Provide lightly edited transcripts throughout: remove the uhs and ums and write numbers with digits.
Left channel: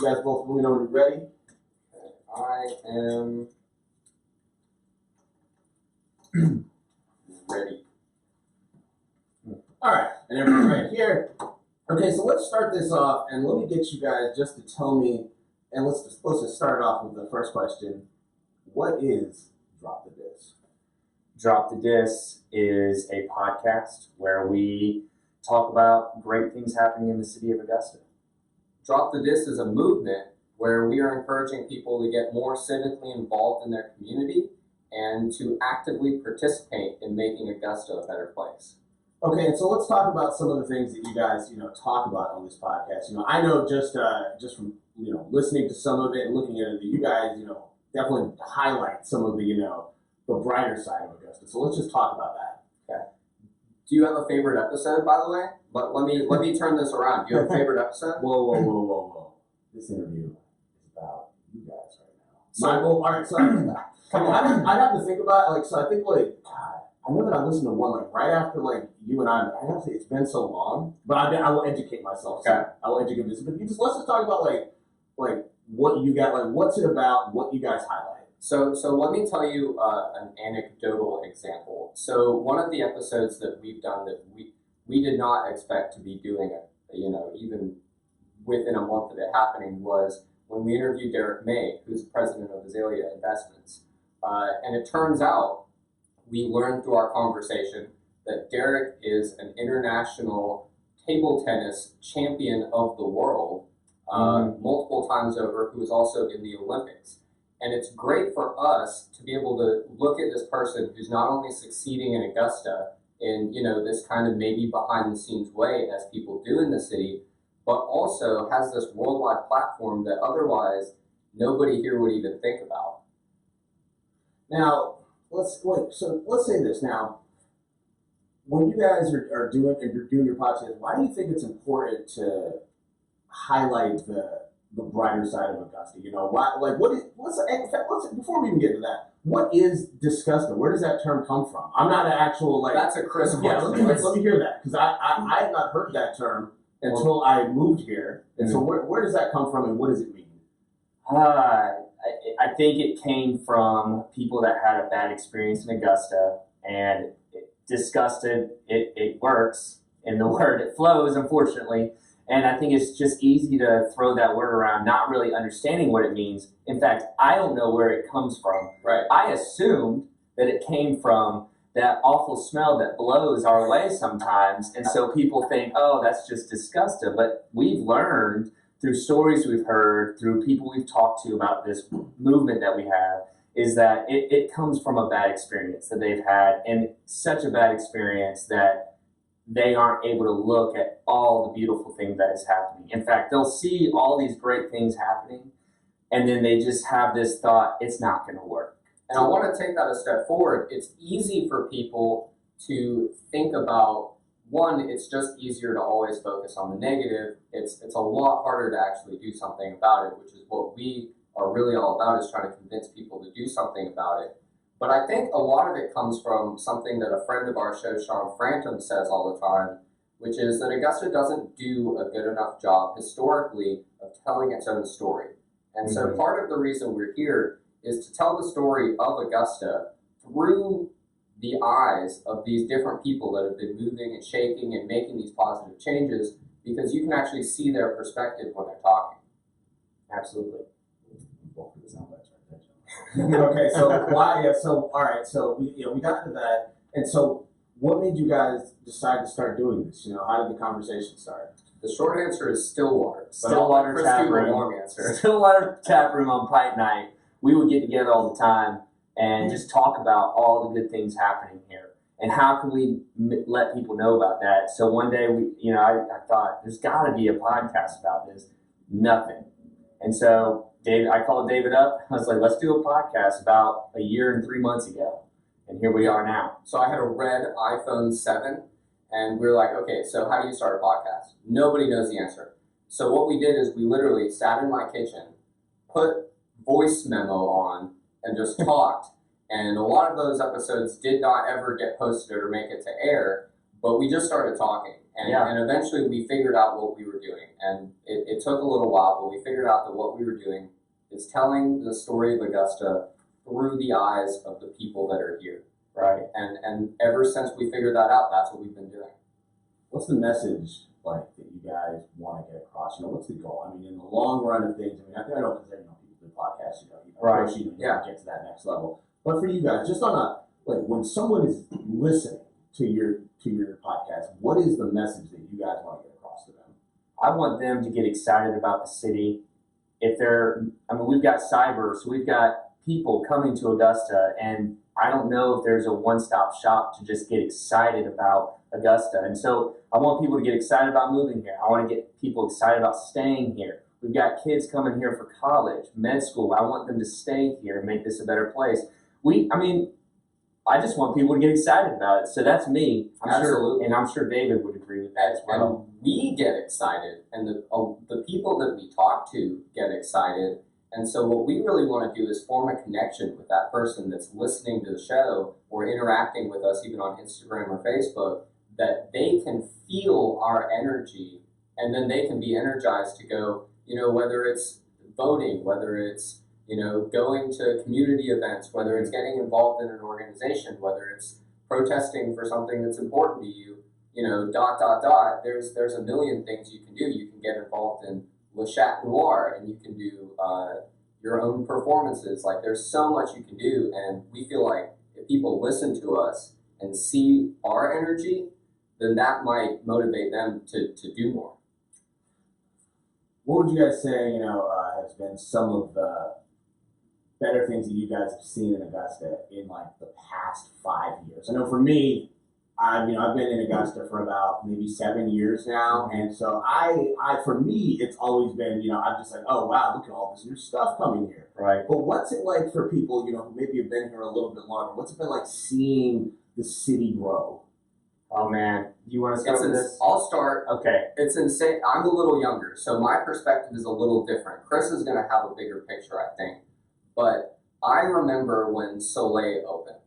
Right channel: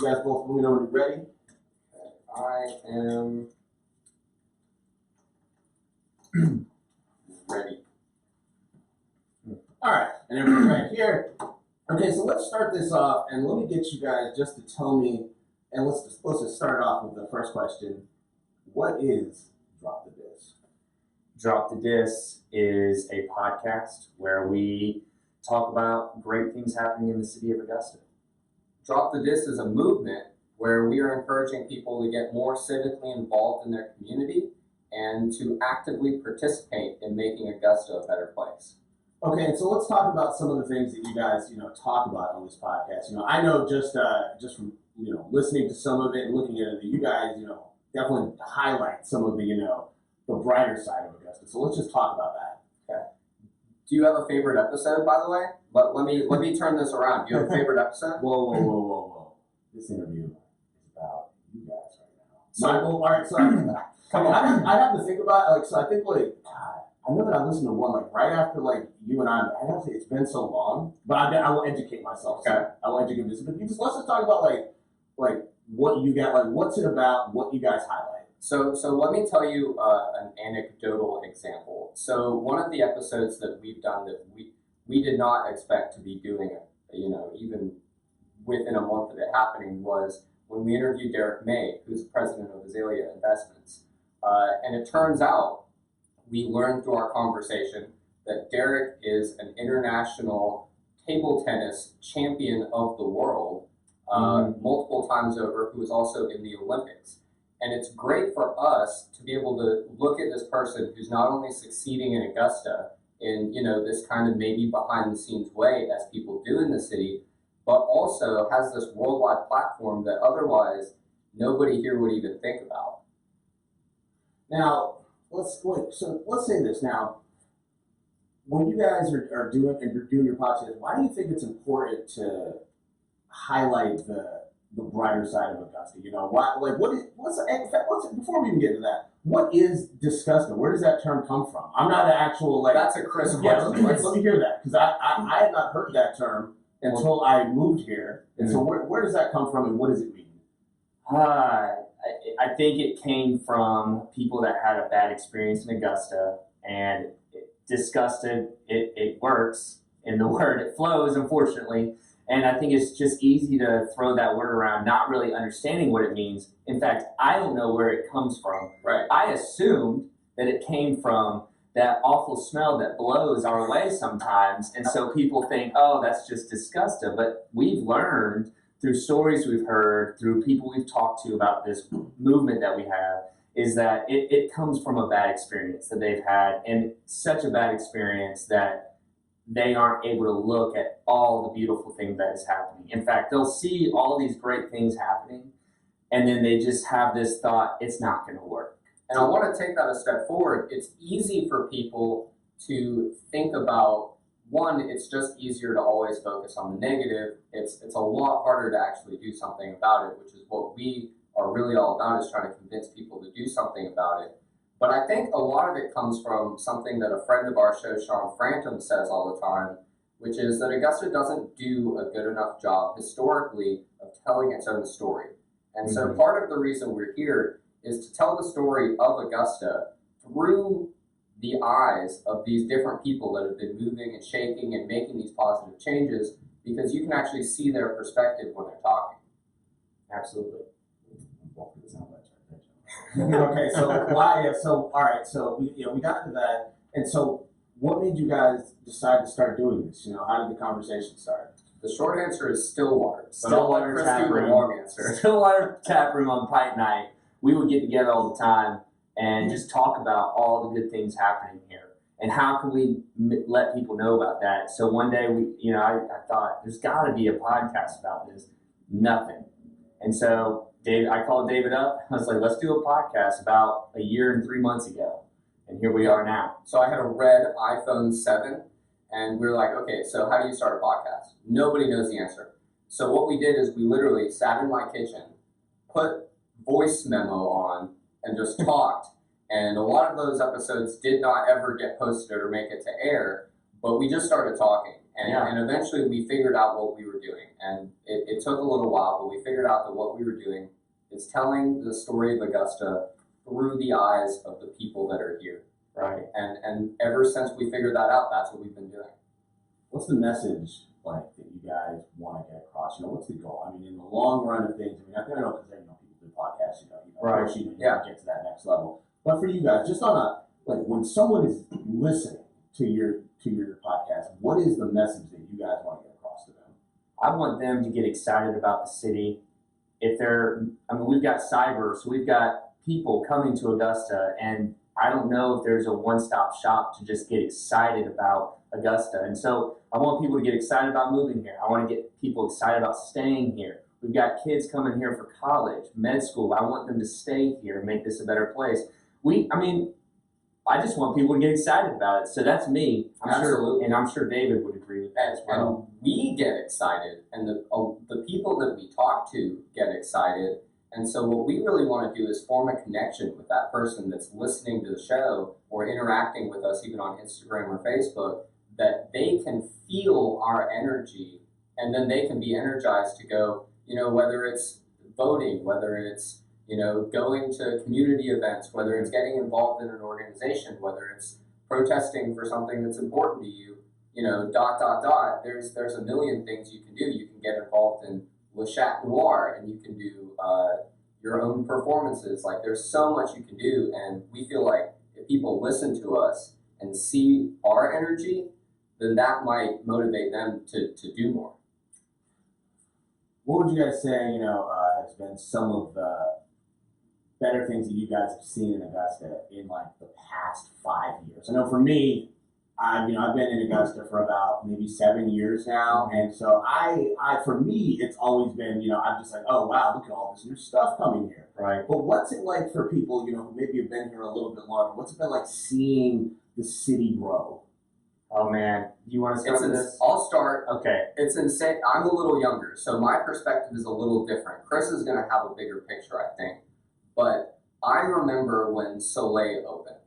You guys both let me know when you're ready. I am ready. All right, and everyone's right here. Okay, so let's start this off, and let me get you guys just to tell me, and let's just start off with the first question. What is DropTheDis? DropTheDis is a podcast where we talk about great things happening in the city of Augusta. DropTheDis is a movement where we are encouraging people to get more civically involved in their community and to actively participate in making Augusta a better place. Okay, and so let's talk about some of the things that you guys, talk about on this podcast. I know just from, listening to some of it and looking at it, that you guys, definitely highlight some of the, the brighter side of Augusta. So let's just talk about that. Okay. Do you have a favorite episode, by the way? But let me turn this around. Do you have a favorite episode? Whoa. This interview is about you guys right now. So, all right, so come on. I'd have to think about it. So I think, God, I know that I listened to one, right after, you and I have to say it's been so long, but I will educate myself. So okay. I will educate myself. But let's just talk about, what you got, what's it about, what you guys highlight. So let me tell you an anecdotal example. So one of the episodes that we've done that we did not expect to be doing it, even within a month of it happening, was when we interviewed Derek May, who's president of Azalea Investments. And it turns out, we learned through our conversation that Derek is an international table tennis champion of the world, multiple times over, who is also in the Olympics. And it's great for us to be able to look at this person who's not only succeeding in Augusta in, this kind of maybe behind the scenes way as people do in the city, but also has this worldwide platform that otherwise nobody here would even think about. Now, let's say this now. When you guys are doing your podcast, why do you think it's important to highlight the brighter side of Augusta? Before we even get to that, what is Disgusta? Where does that term come from? I'm not an actual That's a Chris question. Yeah, let me hear that, because I had not heard that term until I moved here. And so where does that come from, and what does it mean? I think it came from people that had a bad experience in Augusta, and disgusted, it works in the word, it flows, unfortunately. And I think it's just easy to throw that word around, not really understanding what it means. In fact, I don't know where it comes from. Right. I assumed that it came from that awful smell that blows our way sometimes. And so people think, oh, that's just Disgusta. But we've learned through stories we've heard, through people we've talked to about this movement that we have, is that it comes from a bad experience that they've had, and such a bad experience that they aren't able to look at all the beautiful things that is happening. In fact, they'll see all these great things happening, and then they just have this thought, it's not going to work. And I want to take that a step forward. It's easy for people to think about, one, it's just easier to always focus on the negative. It's a lot harder to actually do something about it, which is what we are really all about, is trying to convince people to do something about it. But I think a lot of it comes from something that a friend of our show, Sean Frantum, says all the time, which is that Augusta doesn't do a good enough job historically of telling its own story. And so part of the reason we're here is to tell the story of Augusta through the eyes of these different people that have been moving and shaking and making these positive changes, because you can actually see their perspective when they're talking. Absolutely. Okay, so why? Yeah, so all right, so we got to that, and so what made you guys decide to start doing this? How did the conversation start? The short answer is Stillwater. Stillwater tap room. Long answer. Stillwater tap room on Pike Night. We would get together all the time and just talk about all the good things happening here, and how can we let people know about that. So one day I thought there's got to be a podcast about this. Nothing, and so I called David up. I was like, let's do a podcast about a year and 3 months ago. And here we are now. So I had a red iPhone 7, and we were like, okay, so how do you start a podcast? Nobody knows the answer. So what we did is we literally sat in my kitchen, put voice memo on, and just talked. And a lot of those episodes did not ever get posted or make it to air. but we just started talking, and eventually we figured out what we were doing. And it took a little while, but we figured out that what we were doing is telling the story of Augusta through the eyes of the people that are here. Right. And ever since we figured that out, that's what we've been doing. What's the message like that you guys want to get across? You know, what's the goal? I mean, in the long run of things, I mean, I know because people do podcasts, right. Of course, you get to that next level. But for you guys, just on a like when someone is listening to your podcast, what is the message that you guys want to get across to them? I want them to get excited about the city. We've got cyber, so we've got people coming to Augusta, and I don't know if there's a one-stop shop to just get excited about Augusta. And so I want people to get excited about moving here. I want to get people excited about staying here. We've got kids coming here for college, med school. I want them to stay here and make this a better place. I just want people to get excited about it. So that's me. I'm sure David would agree with that as well. And we get excited, and the people that we talk to get excited. And so what we really want to do is form a connection with that person that's listening to the show or interacting with us even on Instagram or Facebook, that they can feel our energy, and then they can be energized to go, whether it's voting, whether it's going to community events, whether it's getting involved in an organization, whether it's protesting for something that's important to you, There's a million things you can do. You can get involved in Le Chat Noir, and you can do your own performances. Like, there's so much you can do, and we feel like if people listen to us and see our energy, then that might motivate them to do more. What would you guys say, has been some of the better things that you guys have seen in Augusta in like the past 5 years? I know for me, I've been in Augusta for about maybe 7 years now, and so for me, it's always been, I'm just like, oh wow, look at all this new stuff coming here. Right. But what's it like for people, who maybe have been here a little bit longer? What's it been like seeing the city grow? Oh man, you want to start with this? I'll start. Okay. It's insane. I'm a little younger, so my perspective is a little different. Chris is going to have a bigger picture, I think. But I remember when Soleil opened,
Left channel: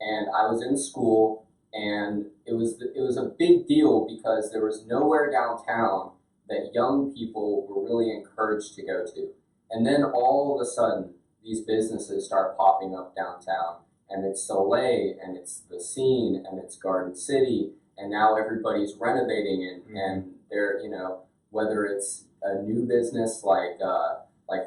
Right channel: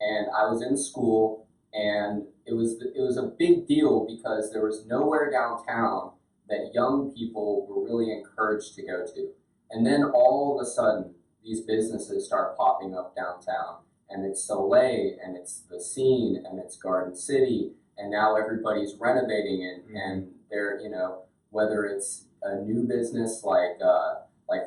and I was in school, and it was a big deal because there was nowhere downtown that young people were really encouraged to go to. And then all of a sudden, these businesses start popping up downtown, and it's Soleil, and it's The Scene, and it's Garden City, and now everybody's renovating it, and they're, whether it's a new business like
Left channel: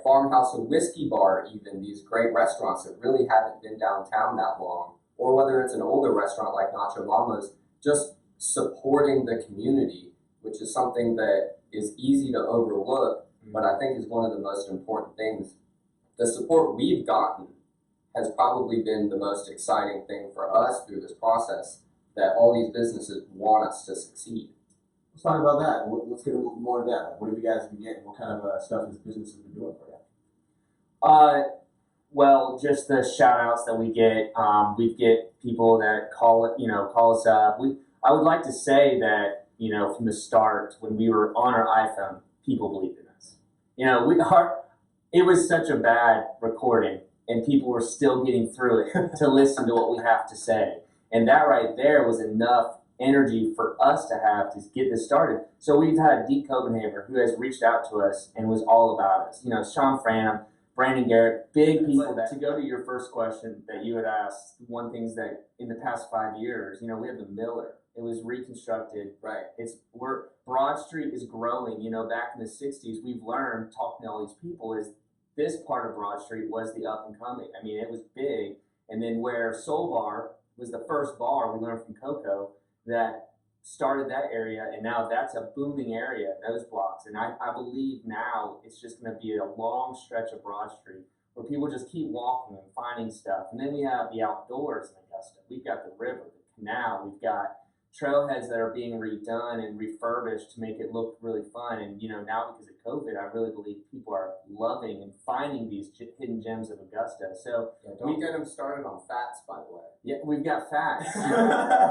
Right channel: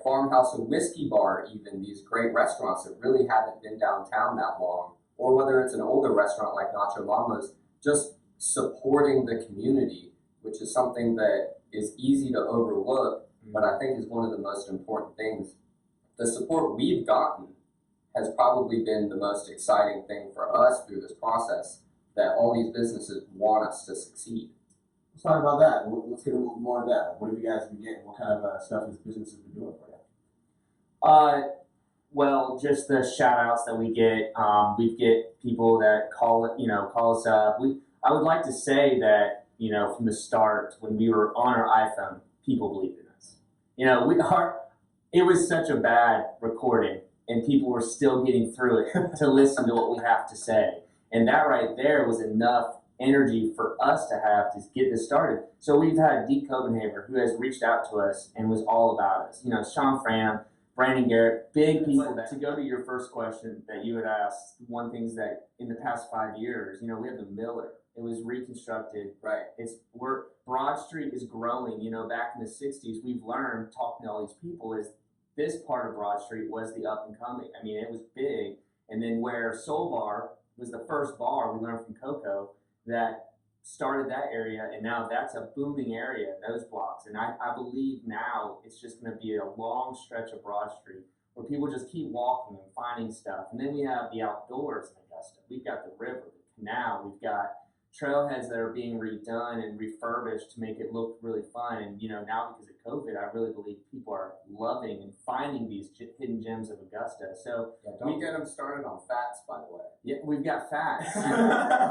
Farmhouse and Whiskey Bar, even these great restaurants that really haven't been downtown that long, or whether it's an older restaurant like Nacho Mama's, just supporting the community, which is something that is easy to overlook, but I think is one of the most important things. The support we've gotten has probably been the most exciting thing for us through this process, that all these businesses want us to succeed. Let's talk about that. Let's get a little more into that. What have you guys been getting? What kind of stuff has businesses been doing for you? Well, just the shout outs that we get. We get people that call us up. I would like to say that, from the start, when we were on our iPhone, people believed in us. It was such a bad recording, and people were still getting through it to listen to what we have to say. And that right there was enough energy for us to have to get this started. So we've had Deke Copenhaver, who has reached out to us and was all about us. Sean Fram, Brandon Garrett, big people. To go to your first question that you had asked, one thing's that in the past 5 years, we have the Miller. It was reconstructed. Right. Broad Street is growing. Back in the 60s, we've learned, talking to all these people, is this part of Broad Street was the up and coming. I mean, it was big. And then where Soul Bar was the first bar, we learned from Coco, that started that area, and now that's a booming area, those blocks. And I believe now it's just going to be a long stretch of Broad Street where people just keep walking and finding stuff. And then we have the outdoors in Augusta. We've got the river, the canal, we've got trailheads that are being redone and refurbished to make it look really fun. And now because of COVID, I really believe people are loving and finding these hidden gems of Augusta. So don't get them started on fats, by the way. Yeah, we've got fats.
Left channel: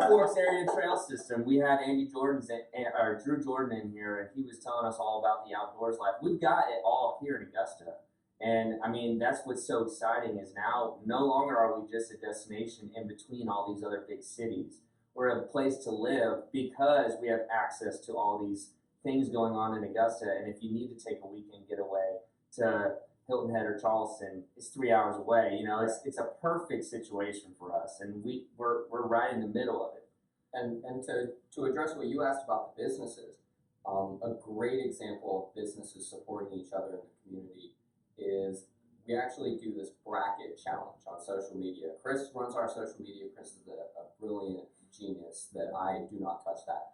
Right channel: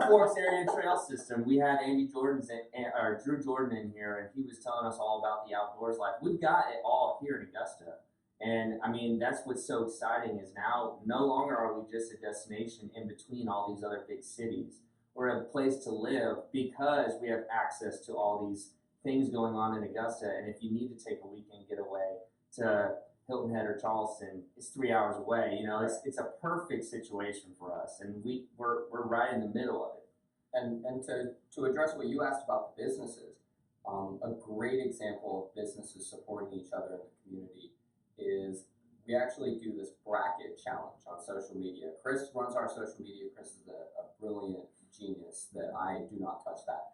Forks Area Trail System. We had Drew Jordan in here, and he was telling us all about the outdoors life. We've got it all here in Augusta. And I mean, that's what's so exciting is now no longer are we just a destination in between all these other big cities. we're a place to live because we have access to all these things going on in Augusta. And if you need to take a weekend getaway to Hilton Head or Charleston, it's 3 hours away. You know, it's a perfect situation for us, and we're right in the middle of it. And to address what you asked about the businesses, a great example of businesses supporting each other in the community is we actually do this bracket challenge on social media. Chris runs our social media. Chris is a brilliant genius that I do not touch that.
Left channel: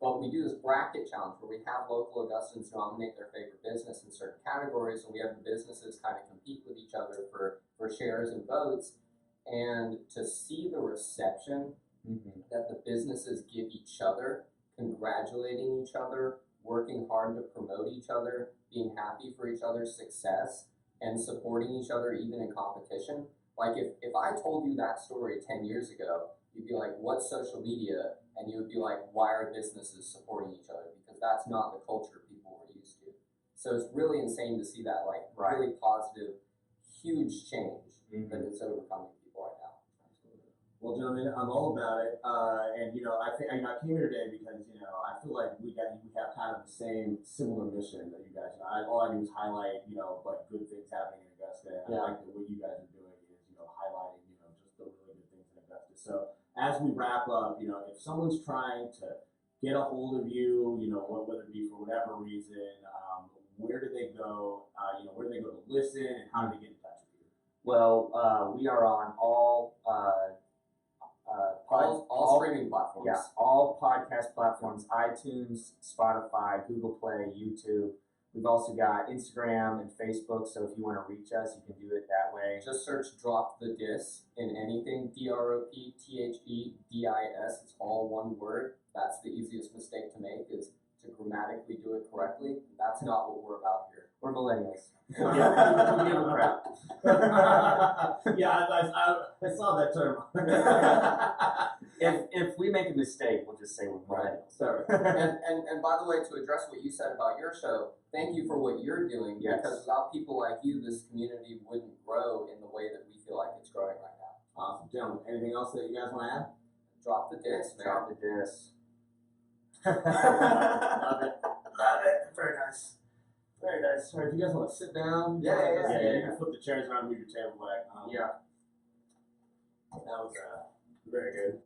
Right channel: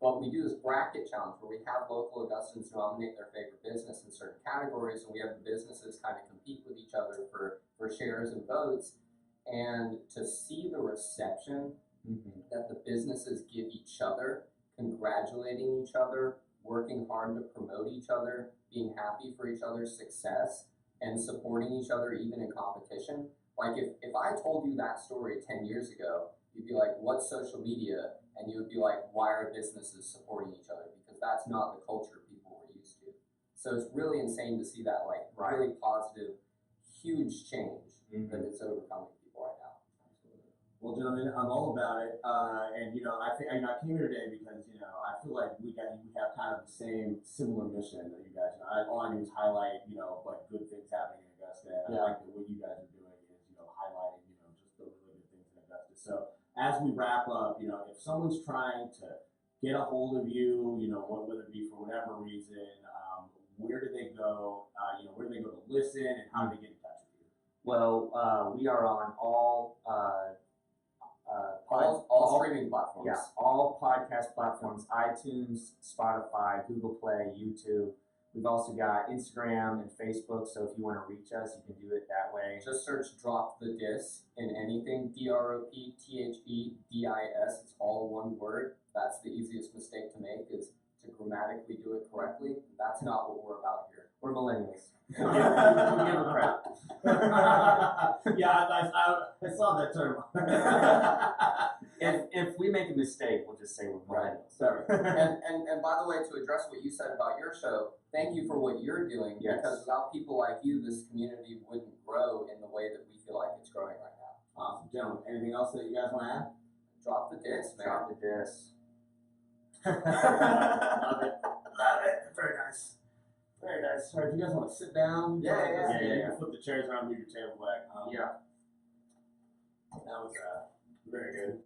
But we do this bracket challenge where we have local Augustans nominate their favorite business in certain categories, and we have the businesses kind of compete with each other for shares and votes. And to see the reception that the businesses give each other, congratulating each other, working hard to promote each other, being happy for each other's success, and supporting each other even in competition. Like if I told you that story 10 years ago, you'd be like, what's social media? And you would be like, why are businesses supporting each other? Because that's not the culture people were used to. So it's really insane to see that really positive, huge change that it's overcoming people right now. Well, gentlemen, I'm all about it, and I think I came here today because I feel like we have kind of the similar mission that you guys. All I do is highlight what good things happening in Augusta. And I like that what you guys are doing is highlighting just the really good things in Augusta. So as we wrap up, if someone's trying to get a hold of you, whether it be for whatever reason, where do they go? Where do they go to listen, and how do they get in touch with you? Well, we are on all streaming platforms. Yeah, all podcast platforms: iTunes, Spotify, Google Play, YouTube. We've also got Instagram and Facebook. So if you want to reach us, you can do it that way. Just search "DropTheDis" in anything. DropTheDis. It's all one word. That's the easiest mistake to make, is to grammatically do it correctly. That's not what we're about here. We're millennials. We give a crap. Yeah, I saw that term. If we make a mistake, we'll just say we're millennials. Sorry. And by the way, to address what you said about your show, thank you for what you're doing. Yes. Because without people like you, this community wouldn't grow in the way that we feel like it's growing right now. Awesome, gentlemen. Anything else that you guys want to add? Drop the disc, man. Drop the disc. Love it. Love it. Very nice. Very nice. All right, if you guys want to sit down, Yeah. You can flip the chairs around, move your table back. Yeah. That was very good.